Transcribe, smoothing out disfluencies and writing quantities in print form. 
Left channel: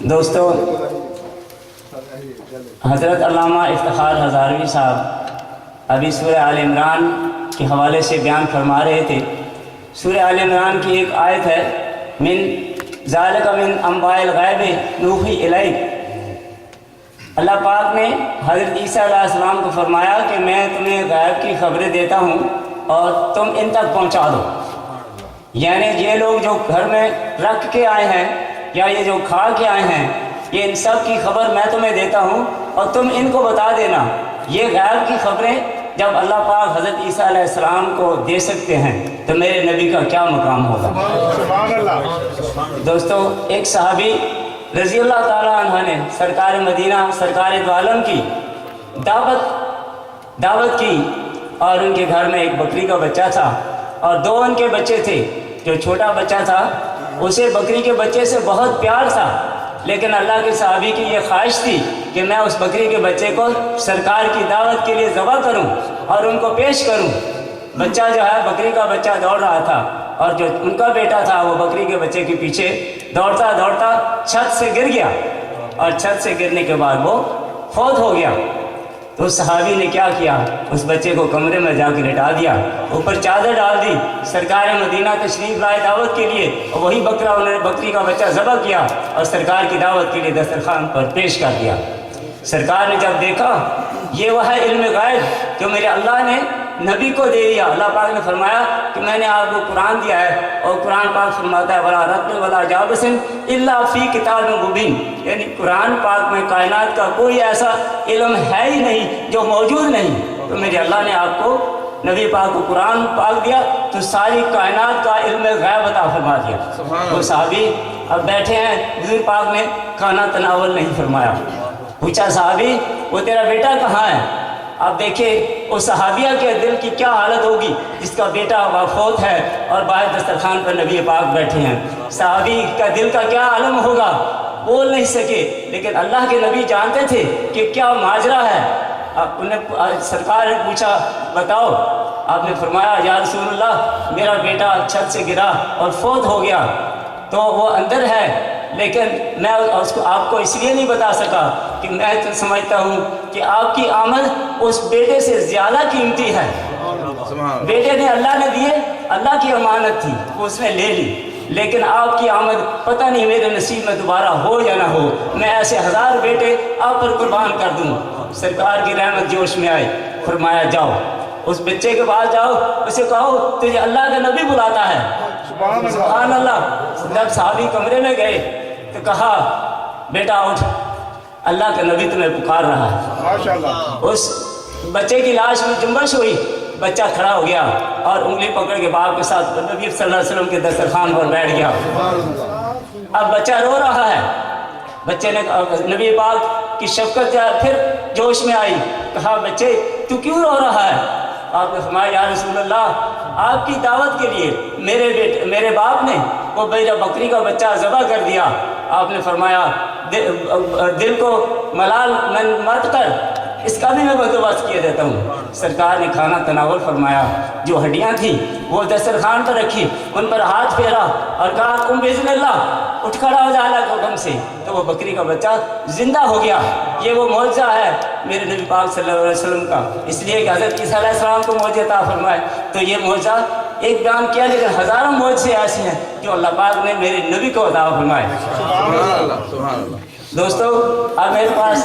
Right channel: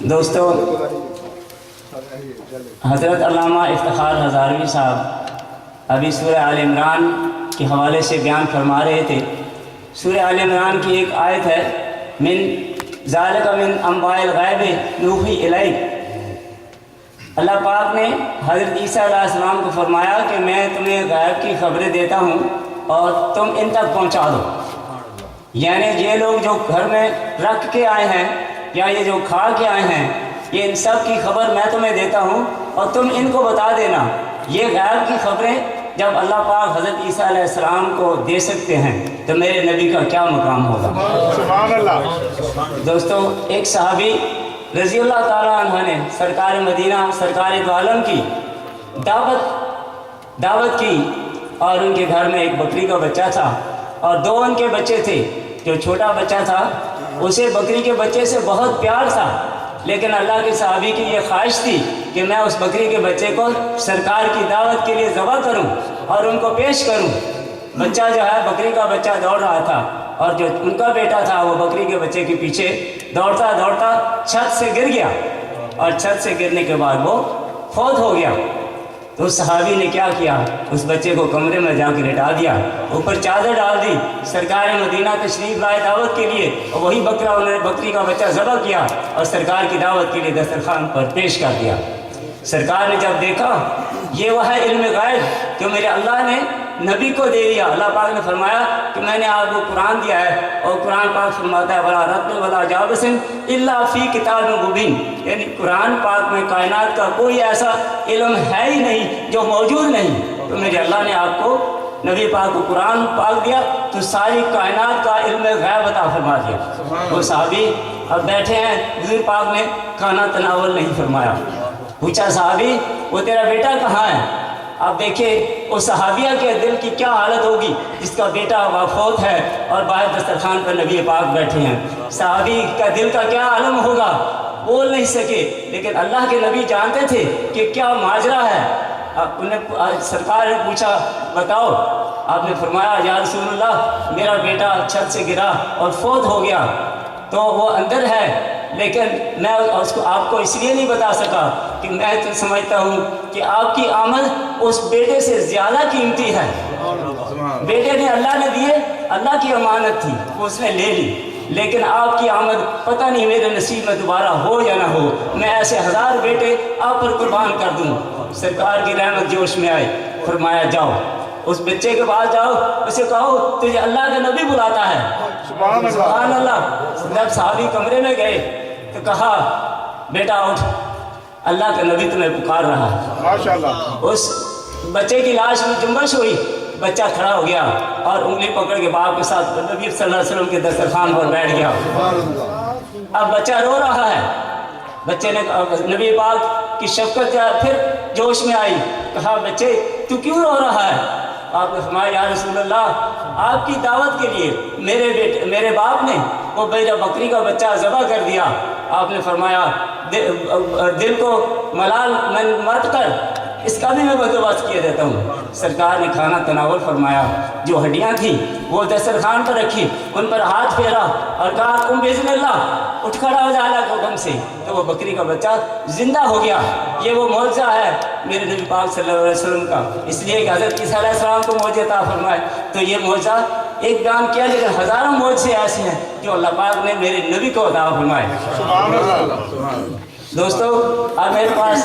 دوستو، حضرت علامہ افتخار ہزاروی صاحب ابھی سورہ آل عمران کے حوالے سے بیان فرما رہے تھے۔ سورہ آل عمران کی ایک آیت ہے، من ذالک من انباء الغیب نوحی الیک۔ اللہ پاک نے حضرت عیسیٰ علیہ السلام کو فرمایا کہ میں تمہیں غیب کی خبریں دیتا ہوں اور تم ان تک پہنچا دو۔ یعنی یہ لوگ جو گھر میں رکھ کے آئے ہیں یا یہ جو کھا کے آئے ہیں، یہ ان سب کی خبر میں تمہیں دیتا ہوں اور تم ان کو بتا دینا۔ یہ غیب کی خبریں جب اللہ پاک حضرت عیسیٰ علیہ السلام کو دے سکتے ہیں تو میرے نبی کا کیا مقام ہوگا۔ سبحان اللہ۔ دوستو، ایک صحابی رضی اللہ تعالیٰ عنہ نے سرکار مدینہ سرکار دو عالم کی دعوت کی، اور ان کے گھر میں ایک بکری کا بچہ تھا اور دو ان کے بچے تھے۔ جو چھوٹا بچہ تھا اسے بکری کے بچے سے بہت پیار تھا، لیکن اللہ کے صحابی کی یہ خواہش تھی کہ میں اس بکری کے بچے کو سرکار کی دعوت کے لیے ذبح کروں اور ان کو پیش کروں۔ بچہ جو ہے، بکری کا بچہ دوڑ رہا تھا اور جو ان کا بیٹا تھا وہ بکری کے بچے کے پیچھے دوڑتا دوڑتا چھت سے گر گیا، اور چھت سے گرنے کے بعد وہ فوت ہو گیا۔ تو اس صحابی نے کیا کیا، اس بچے کو کمرے میں جا کے لٹا دیا، اوپر چادر ڈال دی، سرکار مدینہ تشریف لائے دعوت کے لیے، اور وہی انہوں نے بکری کا بچہ ذبح کیا اور سرکار کی دعوت کے لیے دسترخوان پر پیش کر دیا۔ سرکار نے جب دیکھا یہ وہ ہے علم غیب جو میرے اللہ نے نبی کو دے دیا۔ اللہ پاک نے فرمایا کہ میں نے آپ کو قرآن دیا ہے، اور قرآن پاک فرماتا ہے وَلَا رَتْبٍ وَلَا جَابِسٍ إِلَّا فِي كِتَابٍ مُبِينٍ، یعنی قرآن پاک میں کائنات کا کوئی ایسا علم ہے ہی نہیں جو موجود نہیں۔ تو میرے اللہ نے آپ کو نبی پاک کو قرآن پاک دیا تو ساری کائنات کا علم غیب عطا فرما دیا۔ وہ صحابی اب بیٹھے ہیں، حضور پاک نے کھانا تناول نہیں فرمایا۔ پوچھا صحابی وہ تیرا بیٹا کہاں ہے؟ آپ دیکھیں اس صحابیہ کے دل کی کیا حالت ہوگی جس کا بیٹا وفوت ہے اور باہر دسترخوان پر نبی پاک بیٹھے ہیں۔ صحابی کا دل کا کیا عالم ہوگا، بول نہیں سکے، لیکن اللہ کے نبی جانتے تھے کہ کیا ماجرا ہے۔ سرکار نے پوچھا بتاؤ، آپ نے فرمایا یا رسول اللہ میرا بیٹا چھت سے گرا اور فوت ہو گیا، تو وہ اندر ہے، لیکن میں اس کو آپ کو اس لیے نہیں بتا سکا کہ میں تو سمجھتا ہوں کہ آپ کی آمد اس بیٹے سے زیادہ قیمتی ہے۔ بیٹے نے اللہ نے دیے، اللہ کی امانت تھی، وہ اس نے لے لی، لیکن آپ کی آمد پتہ نہیں میرے نصیب میں دوبارہ ہو یا نہ ہو، میں ایسے 1000 بیٹے آپ پر قربان کر دوں۔ سرکار کی رحمت جوش میں آئی، فرمایا جاؤ اس بچے کے پاس جاؤ، اسے کہو تجھے اللہ کا نبی بلاتا ہے۔ سبحان اللہ۔ جب صحابی کمرے میں گئے تو کہا بیٹا اٹھ، اللہ کا نبی تمہیں پکار رہا ہے۔ ماشاءاللہ۔ اس بچے کی لاش میں جنبش ہوئی، بچہ کھڑا ہو گیا اور انگلی پکڑ کے باپ کے ساتھ نبی صلی اللہ علیہ وسلم کے دسترخوان پر بیٹھ گیا۔ اب بچہ رو رہا ہے، بچے نے نبی پاک کی شفقت پھر جوش میں آئی، کہا بچے تو کیوں رو رہا ہے؟ آپ نے فرمایا یا رسول اللہ آپ کی دعوت کے لیے میرے باپ نے وہ میرا بکری کا بچہ ذبح کر دیا۔ آپ نے فرمایا دل کو ملال مت کر، اس کا بھی میں بندوبست کیے دیتا ہوں۔ سرکار نے کھانا تناول فرمایا، جو ہڈیاں تھیں وہ دسترخوان پر رکھی، ان پر ہاتھ پھیرا اور کہا قم بإذن اللہ، اٹھ کھڑا ہو جا اللہ کے حکم سے، تو وہ بکری کا بچہ زندہ ہو گیا۔ یہ وہ معجزہ ہے میرے نبی پاک صلی اللہ علیہ وسلم کا، اس لیے کہ حضرت عیسیٰ علیہ السلام کو معجزہ عطا فرمائے، تو یہ معجزہ ایک بیان کیا، لیکن ہزاروں معجزے ایسے ہیں جو اللہ پاک نے میرے نبی کو عطا فرمائے۔ دوستو اب میرے پاس